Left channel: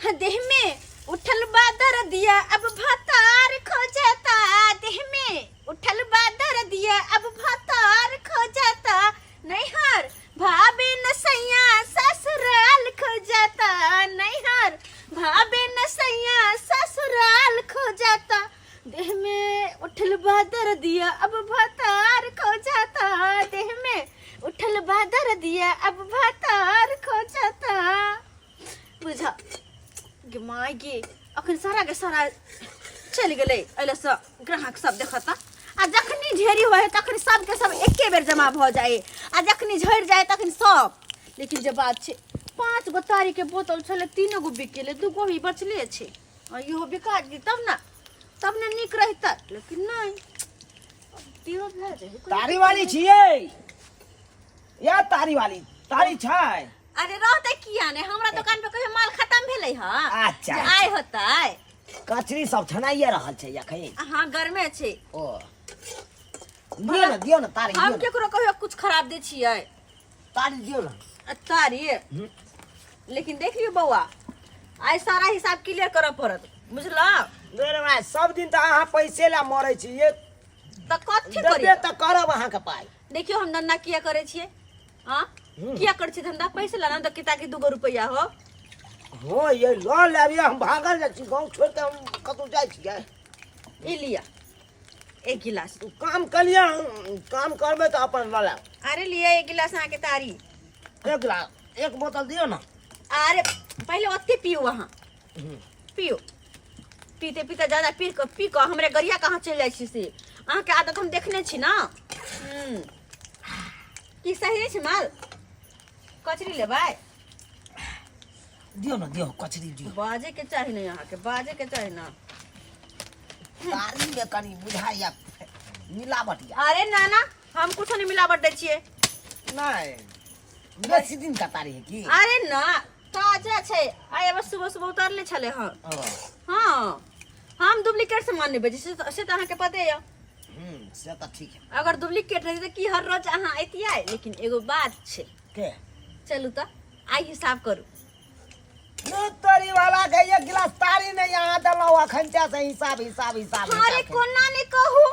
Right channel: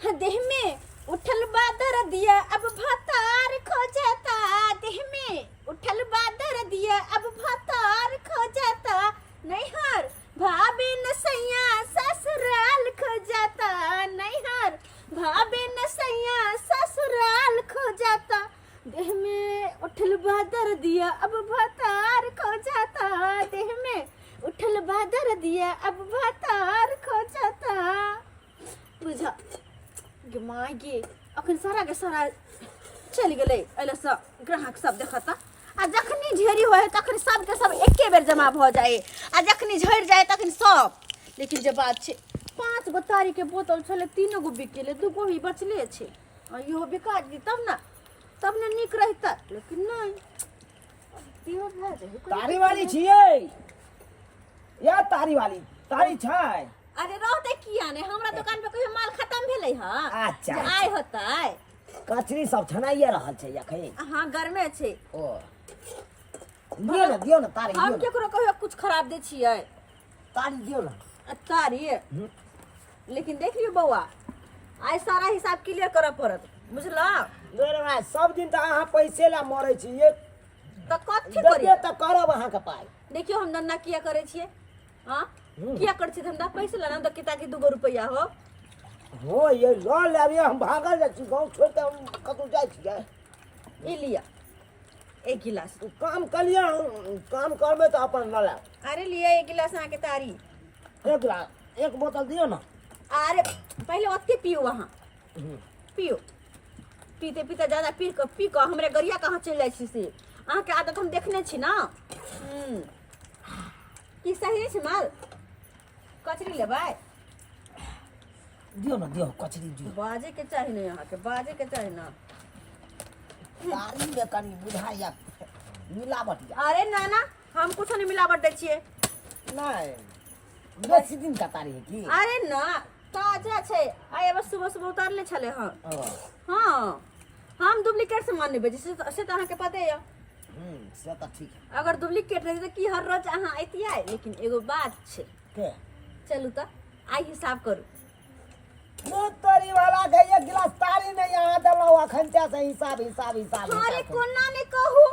देह में उठल बादर दिया अब भतार खो जाता, देह में उठल बादर दिया अब भतार खो जाता, नैहर भाभी नसैया ससुराल खो जाता, नैहर भाभी नसैया ससुराल खो जाता, देह में उठल बादर दिया अब भतार खो जाता, देह में उठल बादर दिया अब भतार खो जाता। बुझा माय गे अखन सारा के सारा चल गए अल सब ग्राहक सब देखता आ जखनी ढेरी हो तखनी सब के सब एके बेर जमा भ जाए आ जखनी झड़ जाए तखनी सब। लेकिन जब बात छे 5 गो तारी के बोतल छले 3 गो बिक गेले 2 गो ही बचले छे इहो बिका दी तब न निक रहता। लेकिन नहीं तारी वाली छिए या तारी वाली तारी छै। अरे रहते किया ने हमरा दुकान पे कहियो माल खत्म भेलै ह। अच्छा आय होतै कचरी सब छनाइए रहल छै यखै। हां गरमे छै। ओ दियो न तारी हम केकरो कहियो कुछ खराब दे छियै। तारी दियो न तारी। लेकिन देख लियो बौआ आइ सारा हिसाब क्लियर करऽ पड़त बुझला। रे भाई सब दिन त अहाँ पैसे ला मरै छी ये त कथि देबे करिए त करब अहाँ के पाई। देखियो हम धंधा किया करे छियै। हां किया कर छी धंधा पैसे लाना त किता के 2 रुपया हो ये ल लेबिए हम भागल जाइ छी गांव छोड़ के हम कतौ जाइ छियै। ए लिया 1 गिलास काम कलिया काम करबे त अपन ल ले। अरे लिया 1 गिलास आके तारी 1 गिलास 1 बोतल दियो न। अरे पहले ओते पियो वहां पियो पीते पीते ज्यादा पी को हमरे गरिया कहाँ चल जाइ छी से अहाँ के आदत हम देखने छी ना। की सही छै माल कचरी लेबै दियो न दियो कचरी दियो। बाजे के चाही ना यहाँ के बाजे के चाही ना। तारी में कनी बुझाइया मिलावट या। अरे ना ना हम कुछ नहीं मिलावट दे छिए। नहीं बेसी दिन का तारी है की। अरे ना ताजा छै आइ बस सुबह सुबह उतारले छले हां। हां हम डुप्लीकेट सामान नहीं बेचे से त अहाँ के पते है। से त ठीक है। अगर डुप्लीकेट रही त की हर रोज अहाँ एतियै। लेकिन एगो बात छै के चलू त आई हिसाब करू। नहीं तारी वाला के 1 गिलास तारी नहीं यहाँ देलो अखन से हिसाब हिसाब हिसाब। अरे कोना ने कहू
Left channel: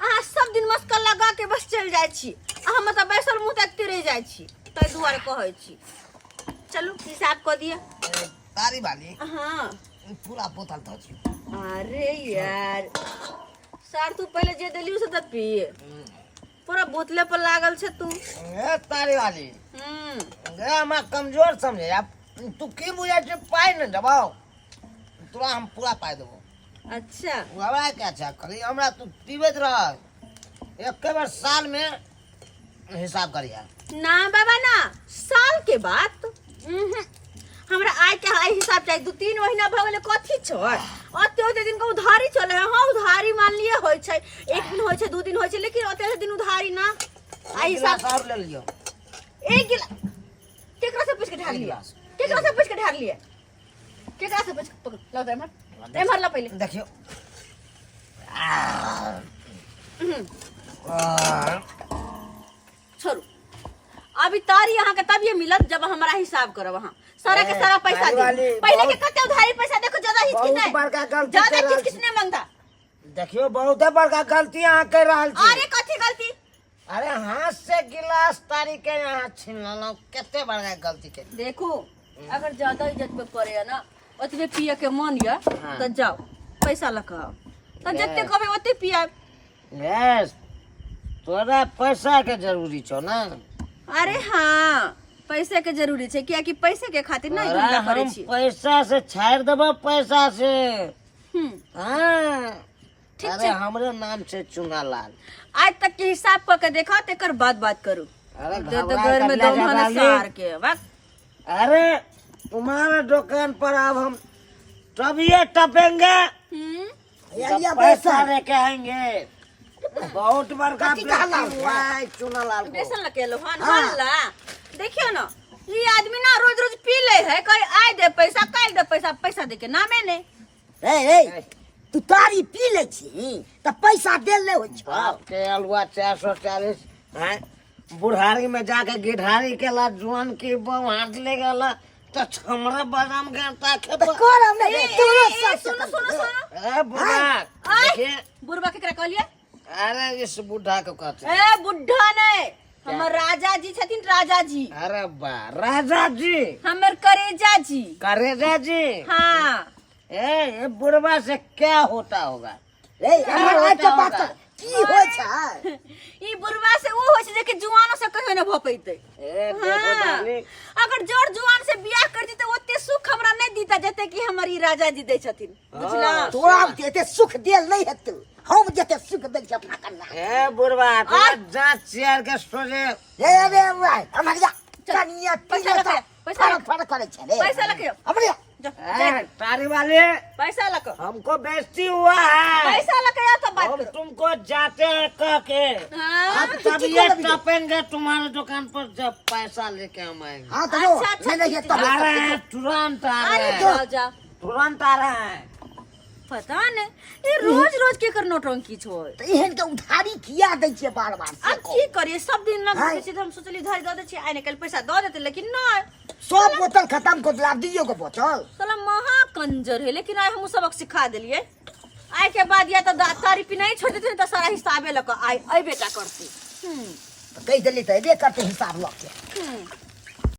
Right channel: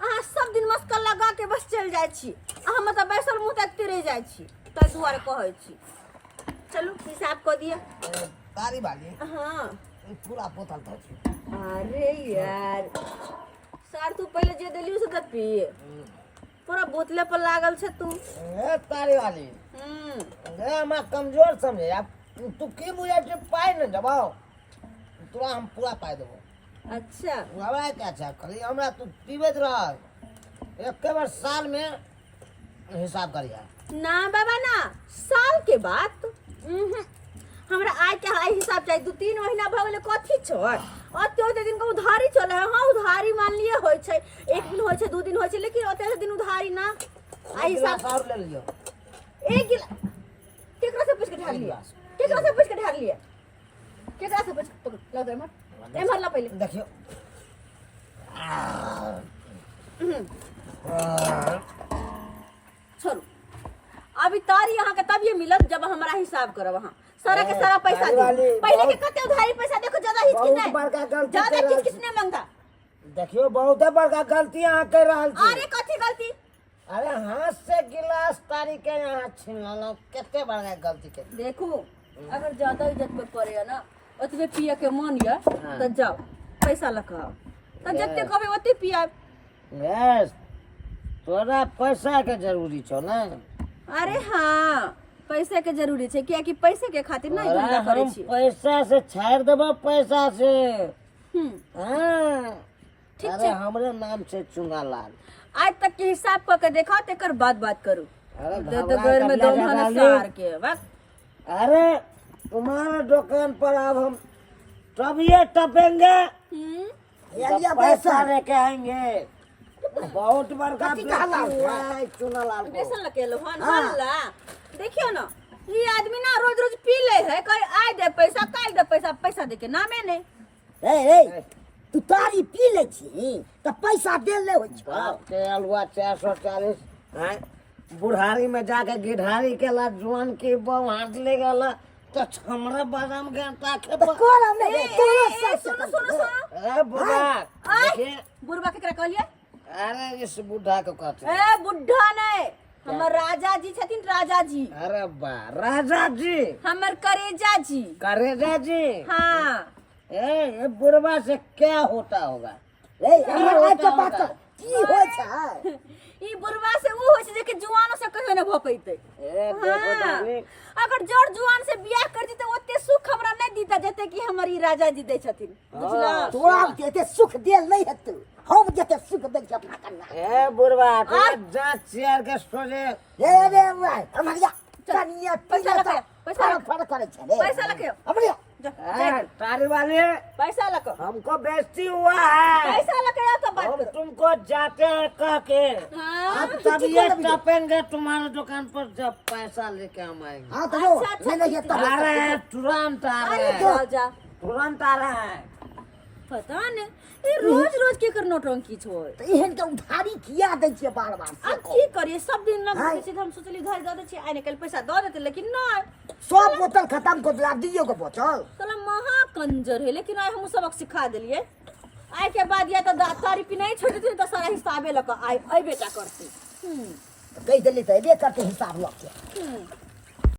अहाँ सब दिन मस्का लगा के बस चल जाय छी अहाँ मतलब बैसल मुंह तकते रह जाय छी तै दुआरे कहै छी। चलू हिसाब क दिए तारी वाली। हां पूरा बोतल दो छी। अरे यार सर तू पहले जे देलियो से त पिए पूरा बोतले पर लागल छे तू। ए तारी वाली गे हम कमजोर समझे अब तू की बुझे छै पाई न देबो तोरा हम पूरा पाई देबो। अच्छा हमरा क्या छै खाली हमरा तू पीबैत रह एक बार साल में हिसाब करिया। ना बाबा ना साल के बाद हमरा आय के हाई हिसाब चाहिए। 2-3 महीना भ गेले कथि छोड़ ओते दिन का उधारी चले है। हां उधारी मान लिए होय छै 1 दिन होय छै 2 दिन होय छै लेकिन ओते दिन उधारी ना आई हिसाब और ले लियो 1 गिलास केकरा से पूछ के ढाल लिया केकरा से पूछ के ढाल लिया केकरा से पूछ लग दे मत एमहर ला पहले देखियो। छोड़ू अभी तारी यहाँ के तब ये मिलत जब हमारा हिसाब करब। वहाँ सारा के सारा पैसा दे पहले के कते उधारी पैसा देखो ज्यादा हिचकिच नहीं मांगता। देखियो बहुत बड़का गलती अहाँ कर रहल छी। अरे कथी गलती अरे हाथ से गिलास तारी के यहाँ छीन लेलो केते बड़का गलती के। देखो अगर ज्यादा इज्जत पे पड़े है ना ओतबे पिए के मन या तो जाओ पैसा लके आओ तो जते कहबे ओते पिया। यस तोरा पैसा के जरूरी छौ ना। अरे हाँ पैसे के जरूरी छै किया कि पैसे के खातिर नहीं धंधा करे छी। पैसा से छाड़ देबो पैसा से। हां ठीक अरे हमरे नाम से चुनालाल आज तक के हिसाब क के देखा तेकर बात करू। अरे तो घर में दो मन सार के वक्त। अरे तुम्हारे दुकान पर अब हम तभी टपेंगे या पैसा लेके आएंगे। बहुत बड़का चुनालाल बेसन लगे लो हल्ला देखियो ना ये आदमी ना रोज रोज पी ले है कहीं आए दे पैसा काल दे पैसा दे के नामे ने। ए तू तारी पी ले छी त पैसा दे ले हो छ के अलवा 440 हैं बुढ़ारी में जाके गिढ़ारी के ला जुआन के बम हाथ ले गला तो हमरा बादाम गंता के तो कौन हमने ए, तोरो ए, सब सुनो सुनो सुनो ए बुढ़ा आय, देखिए बुढ़वा केकरा कहलिए अरे इस बुढ़ा को कहते हैं। ए बुढ़ा नहीं हमर राजा जी छथिन राजा जी अरे बा राजा जी हमर करेजा जी करेजा जी हाँ ये बुढ़वा से क्या होता होगा ए क्या हमरा होता के बात होगा? की होय छै ई बुढ़वा से ऊ होय छै जे कि जुआनो से कहियो न भ पैते ए देखो डाली अगर जोर जुआन से बियाह कर दी तो ओते सुख हमरा नहीं दीता जते कि हमर ई राजा जी दै छथिन बुझला तोरा एते सुख देल नहीं हेतु हम जते सुख दै छै अपना कन्या ए बुढ़वा तो जांच चेयर के सोचे ए रे भाई हमर जा कन्या पैसा लखे, पैसा लखे। फड़ करे छै रे पैसा लखे। हमरे तारी वाले पैसा लको हमको बेइज्जती हुआ है पैसा लके आ तो बात हम करो तुमको जाते हैं कह के हाँ, अब तब ये टपेंगे तुम्हारे दुकान पर जब पैसा लेके हम आएंगे हां तो जो अच्छा, अच्छा, नहीं नहीं ठीक तब आ रहे हैं तुरंत आ रहे अरे हैं जाओ जा तुरंत आ रहे हैं पता नहीं ये रोज रोज के कर नौटंकी छो तो एहन के उधारी किया दै छै बार-बार से अब की करिए सब दिन में हाँ। घुसे हम सोचली धर दे दे छी आइ निकल पैसा दे देते लेकिन नहीं सब बोतल खत्म को लाभ दियो को बोतल साला महा कंजर है लेकिन आइ हम सबक सिखा दिलिए आइ के बाद या तो तारीफ नहीं छोड़ देते तो सारा हिसाबे लक आइ अबे का करती तो कह देली तो एबे करते हिसाब लग के हम्म